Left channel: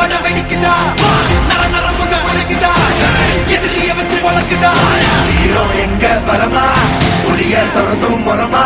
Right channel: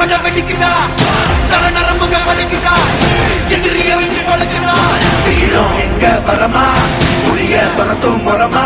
பட வெடிக்குதா நர நரமுக வலிக்குதா எதிரிய வச்சு பழக்குதா வீரம் எங்க வரமா புரிய துரத்தும் முறமா